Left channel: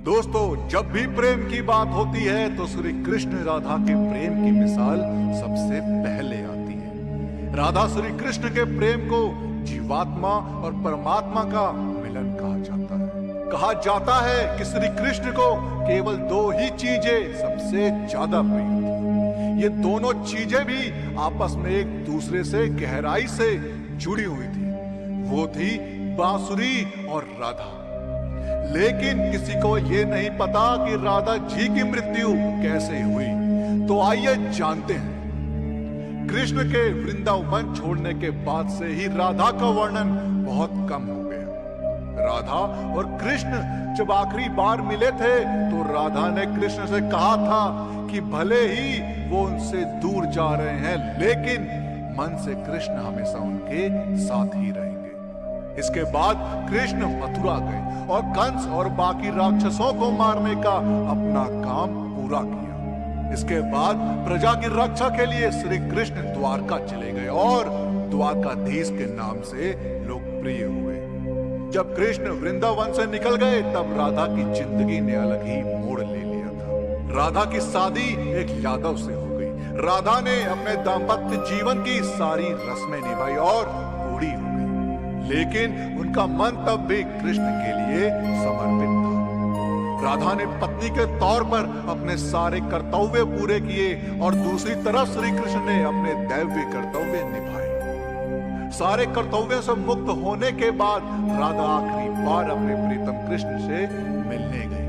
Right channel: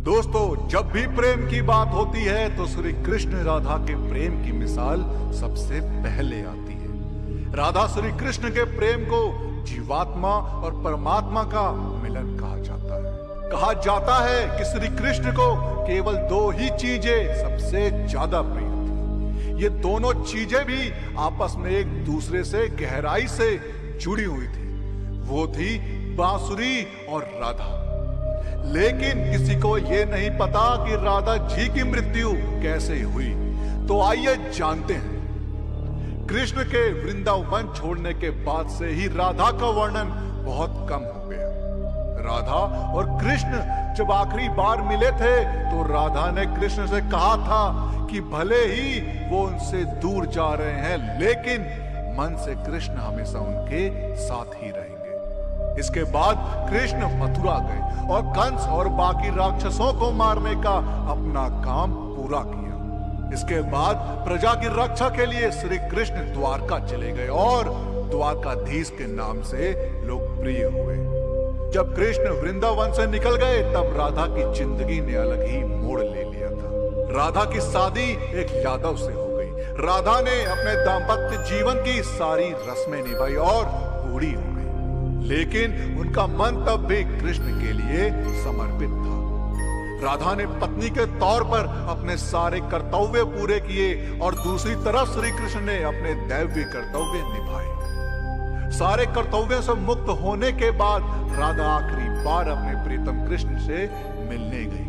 दोस्तों, जब भी प्रेम की बात होती है तो श्री कृष्ण राधा के प्रेम की मिसाल सबसे पहले आती है। राधा श्री कृष्ण के प्रेम को जीवात्मा और परमात्मा का मिलन कहा जाता है। कहा जाता है कि श्री कृष्ण को केवल दो ही चीजें सबसे ज्यादा प्रिय थी। ये दोनों चीजें भी आपस में एक दूसरे से गहराई से जुड़ी हुई थी। वो थी बांसुरी और राधा। लेकिन किसी को यह नहीं पता कि राधा जी की मृत्यु कैसे हुई। तो आइए जानते हैं। कृष्ण के वृंदावन छोड़ने के बाद से ही राधा का वर्णन बहुत कम हो गया। राधा और कृष्ण जब आखिरी बार मिले थे तो राधा ने कृष्ण से कहा था कि भले ही वो उनसे दूर जा रहे हैं, लेकिन मन से कृष्ण हमेशा उनके साथ ही रहेंगे। इसके बाद कृष्ण मथुरा गए और कंस और बाकी राक्षसों को मारने का अपना काम पूरा किया। इसके बाद प्रजा की रक्षा के लिए श्री कृष्ण द्वारका चले गए और द्वारकाधीश के नाम से लोकप्रिय हुए। जब कृष्ण वृंदावन से निकल गए तब राधा की जिंदगी ने अलग ही मोड़ ले लिया था। राधा की शादी एक यादव से हो गई। राधा ने अपने दाम्पत्य जीवन की सारी रस्में निभाई और बूढ़ी हो गई, लेकिन उनका मन तब भी कृष्ण के लिए समर्पित था। राधा ने पत्नी के तौर पर अपने सारे कर्तव्य पूरे किए और दूसरी तरफ श्री कृष्ण ने अपने दैवीय कर्तव्य निभाए। सारे कर्तव्यों से मुक्त होने के बाद राधा आखिरी बार अपने प्रीतम कृष्ण से मिलने गई।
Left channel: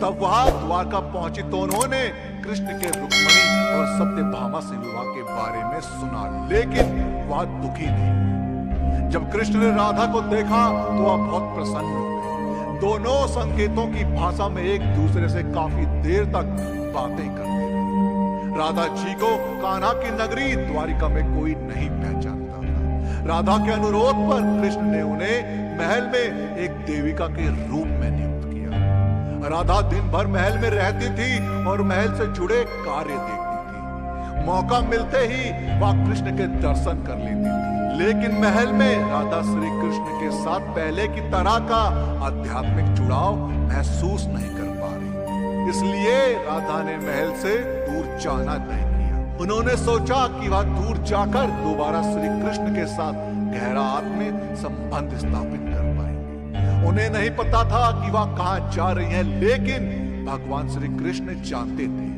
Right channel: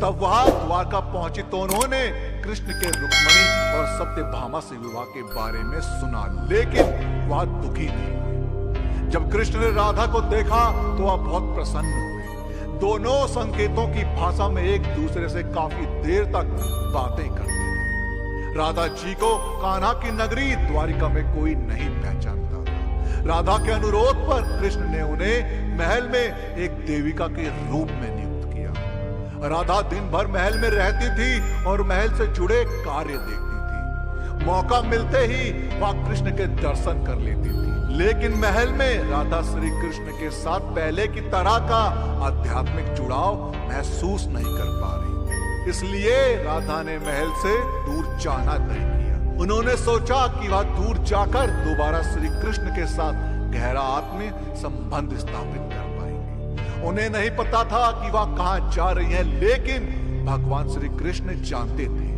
तब वहां द्वारका पहुंची तो उन्होंने कृष्ण के रुक्मिणी और सत्यभामा से विवाह के बारे में सुना, लेकिन वह दुखी नहीं हुए। जब कृष्ण ने राधा को देखा तो वह बहुत प्रसन्न हो गए। दोनों संकेतों की भाषा में एक दूसरे से काफी देर तक बातें करते रहे। राधा जी को कान्हा की नगरी द्वारिका में कोई नहीं पहचानता था। राधा के अनुरोध पर कृष्ण ने उन्हें महल में एक देविका के रूप में नियुक्त किया। राधा दिन भर महल में रहती थी और महल से जुड़े कार्य देखती थी। मौका मिलते ही वह कृष्ण के दर्शन कर लेती थी, लेकिन महल में राधा श्री कृष्ण के साथ पहले की तरह का आध्यात्मिक जुड़ाव महसूस नहीं कर पा रही। इसलिए राधा ने महल से दूर जाना तय किया। उन्होंने सोचा कि वह दूर जाकर दोबारा श्री कृष्ण के साथ गहरा आत्मीय संबंध स्थापित कर पाएंगे। उन्हें नहीं पता था कि वह कहां जा रही हैं, लेकिन भगवान श्री कृष्ण जानते थे।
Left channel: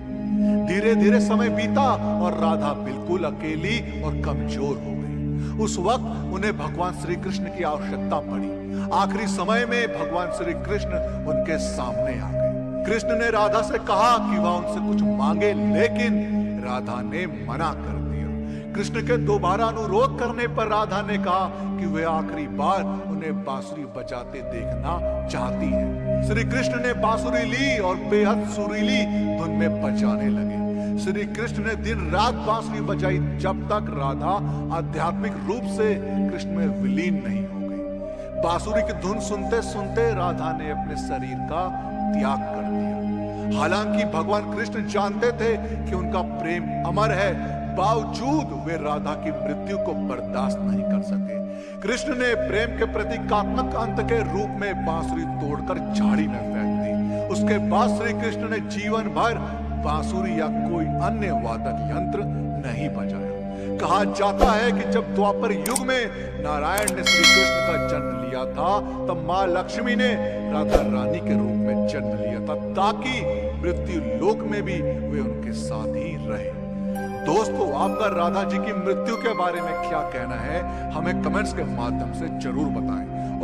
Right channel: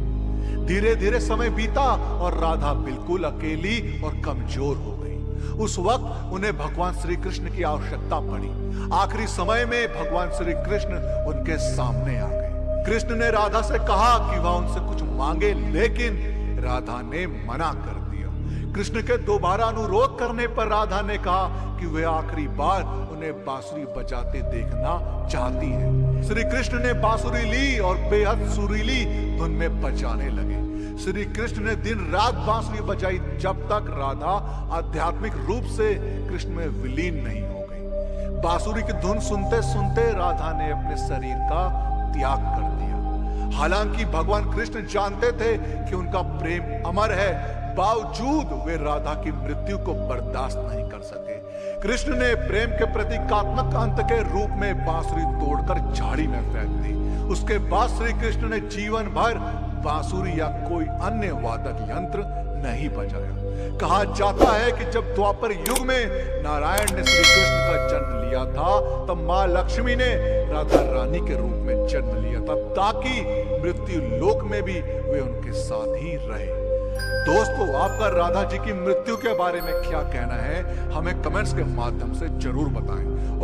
धीरे धीरे समय बीता और राधा बिल्कुल अकेली और कमजोर हो गई। उस वक्त उन्हें भगवान श्री कृष्ण की आवश्यकता पड़ी। आखिरी समय में भगवान श्री कृष्ण उनके सामने आ गए। कृष्ण ने राधा से कहा कि वह उनसे कुछ मांगे, लेकिन राधा ने मना कर दिया। कृष्ण के दोबारा अनुरोध करने पर राधा ने कहा कि वे आखिरी बार उन्हें बांसुरी बजाते देखना चाहती है। श्री कृष्ण ने बांसुरी ली और बेहद सुरीली धुन में बजाने लगे। श्री कृष्ण ने दिन रात बांसुरी बजाई जब तक राधा आध्यात्मिक रूप से कृष्ण में विलीन नहीं हो गई। बांसुरी की धुन सुनते सुनते राधा ने अपने शरीर का त्याग कर दिया। हालांकि भगवान कृष्ण जानते थे कि उनका प्रेम अमर है, बावजूद वे राधा की मृत्यु को बर्दाश्त नहीं कर सके। कृष्ण ने प्रेम के प्रतीकात्मक अंत के रूप में बांसुरी तोड़कर झाड़ी में फेंक दी। उसके बाद श्री कृष्ण ने जीवन भर बांसुरी या कोई अन्य वादक यंत्र नहीं बजाया। कहा जाता है कि जब द्वापर युग में नारायण ने श्री कृष्ण का जन्म लिया था, तब मां लक्ष्मी ने राधा रानी के रूप में जन्म लिया था, ताकि मृत्यु लोक में भी वे उनके साथ ही रहे। दोस्तों, आपका राधा जी की मृत्यु के बारे में क्या कहना है, हमें कमेंट्स के माध्यम से जरूर बताएं।